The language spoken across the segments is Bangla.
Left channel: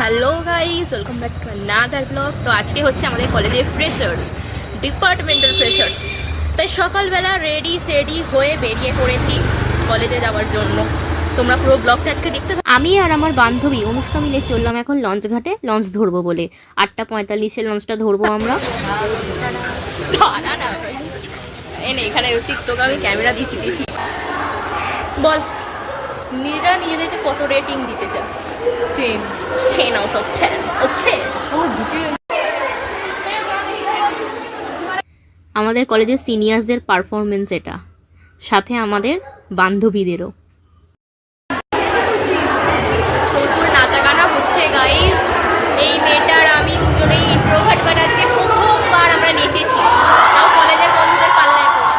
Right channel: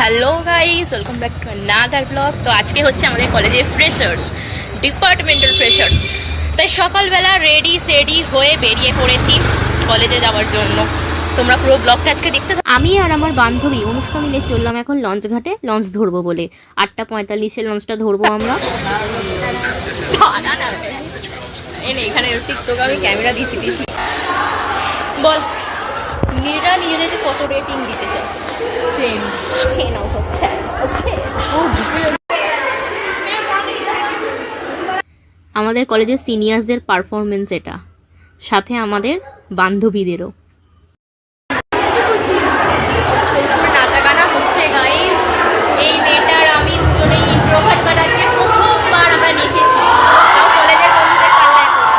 Hello guys, welcome back to another blog. তো আজকে হচ্ছে আমাদের কলেজে ফ্রেশার্স, ডিপার্টমেন্টাল ফ্রেশার্স। তাই সকালবেলা রেডি সেডি হয়ে বেরিয়ে পড়েছি কলেজে যাওয়ার জন্য। তোমরা পুরো ব্লগটা আজকে দেখতে থাকো। আমি আর আমার বান্ধবী অনুষ্কা মিলে চললাম এখন লঞ্চ ঘাটে লঞ্চ ধরবো বলে। 8:45-এ লঞ্চটা ধরবো আমরা। এখানে টিকটক আমি ক্যামেরা দিচ্ছি। বল, মেয়েরা নিজেদেরকে কত রেটিং দিতে চাস? 10 out of 10. ওকে। আমাদের কলেজের সিনিয়রসদের পারফরমেন্স এটা, সাথে আমাদের বান্ধবীদেরও প্রচুর নাচা গানা হচ্ছে গাইস। এই মেয়েটার আমি দুজনেই ইন্ট্রোভার্ট, বাট আজকে প্রথমবার আমরা নেচেছি কলেজের বন্ধুদের পাল্লায় করে।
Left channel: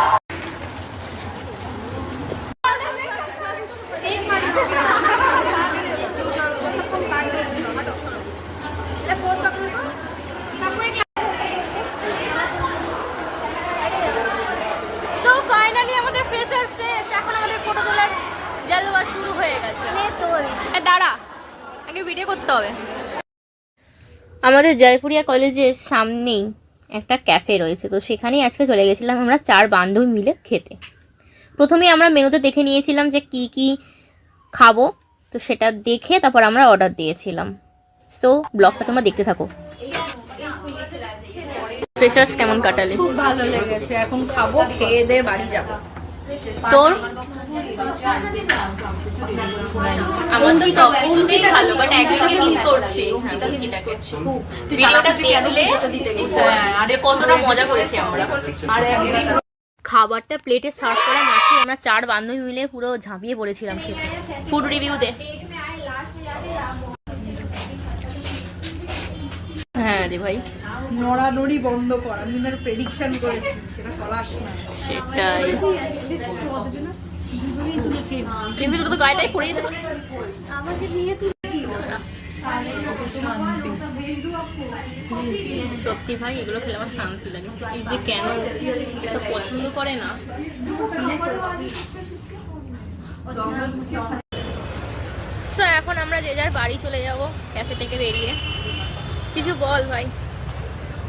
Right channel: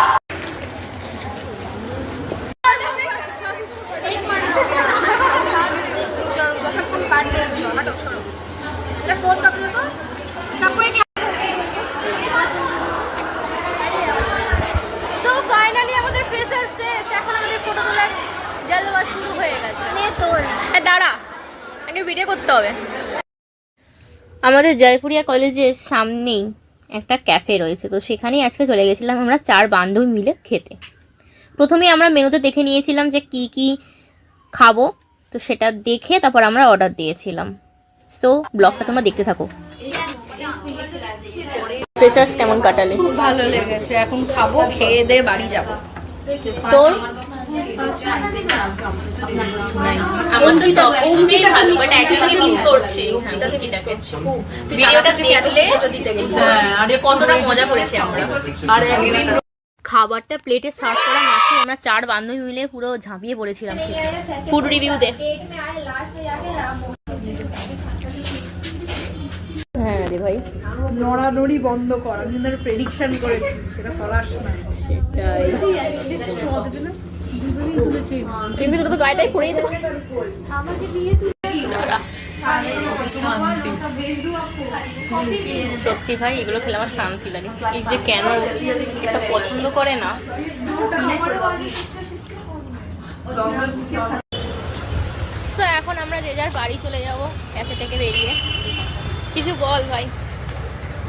সো ফাইনালি আমাদের ফ্রেশার্স শেষ, এখন আমাদের ফটো তোলার জলওয়া শুরু হয়ে গেছে। দাঁড়া, আগে ভিডিও করতে হবে। আমাদের জয়পুরিয়া কলেজের সামনেই একটা ক্যাফে রয়েছে, তো সেখানেই আজকে চলে গেছিলাম আমরা 4 বান্ধবী মিলে খেতে। প্রথমেই আমরা মেনুতে দেখে নিয়েছিলাম যে কি কি খাবো, তো সেটা দেখে তারপর আমরা অর্ডার দিয়েছিলাম। সো ব্লগটা তোমরা দেখতে থাকো। ফ্রেশার্স কেমন কাটালে? খুব ভালো লেগেছে। এখন খাবো, খেয়ে দিয়ে বাড়ি যাব। তোর? আমার তো সব কিছুতেই ভালো, বাট একদিকে মিস করছি। ভিডিওটা দেখলে আরে কতটা মজা করেছি আমরা। খাবারটা প্লেটে সার্ভ করা মাত্র আমরা 4 বান্ধবী মিলে পুরো ঝাঁপিয়ে পড়েছিলাম খেতে। ফুড রিভিউ দে। হ্যাঁ রে ভাই, নড়ানড়ি বন্ধ কর। আমি কিন্তু প্রেডিকশন করেছি, সেটা ফলাস না। সেটাই। তুমি তো গায়েটাই পড়ে যেতে পারো। সত্যি ভাই, এগুলো খেলে আমার শান্তি লাগে। এই যে কেন এসব পছন্দ করে না। তো এখন আমরা যে যার বাড়ি চলে যাব ক্যাফে থেকে বেরিয়ে। কিছু বল ভাই।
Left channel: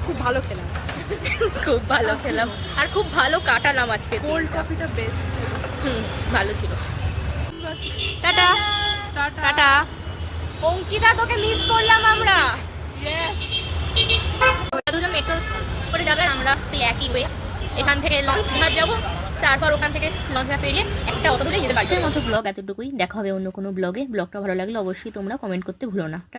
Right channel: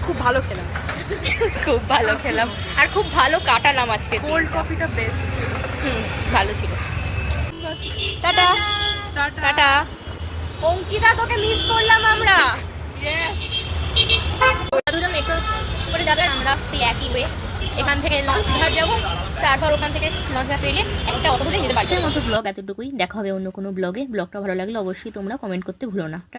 খুব ভালো খেলাম, খুব ভালো খেলাম আর খুব ভালো কাটালাম আজকে। কোল্ড কফিটা বেস্ট ছিল। ভালো ছিল। Tata tata. অঙ্কিতা, তোকে মিস করলাম আমরা। দুজন মেট্রো করে যাবে, আমরা সেই একই ওয়ে। এখান থেকে লঞ্চ ঘাট যাবো, তারপর ওখান থেকে লঞ্চ ঘাট পেরিয়ে একটা অটো ধরে যেতে পারি। আজকের মতো ব্লগ এতটুকুই। দেখা হবে অন্য কোনো ব্লগে। ব্লগটা ভালো লাগলে অবশ্যই তোমরা কমেন্ট করতে ভুলো না।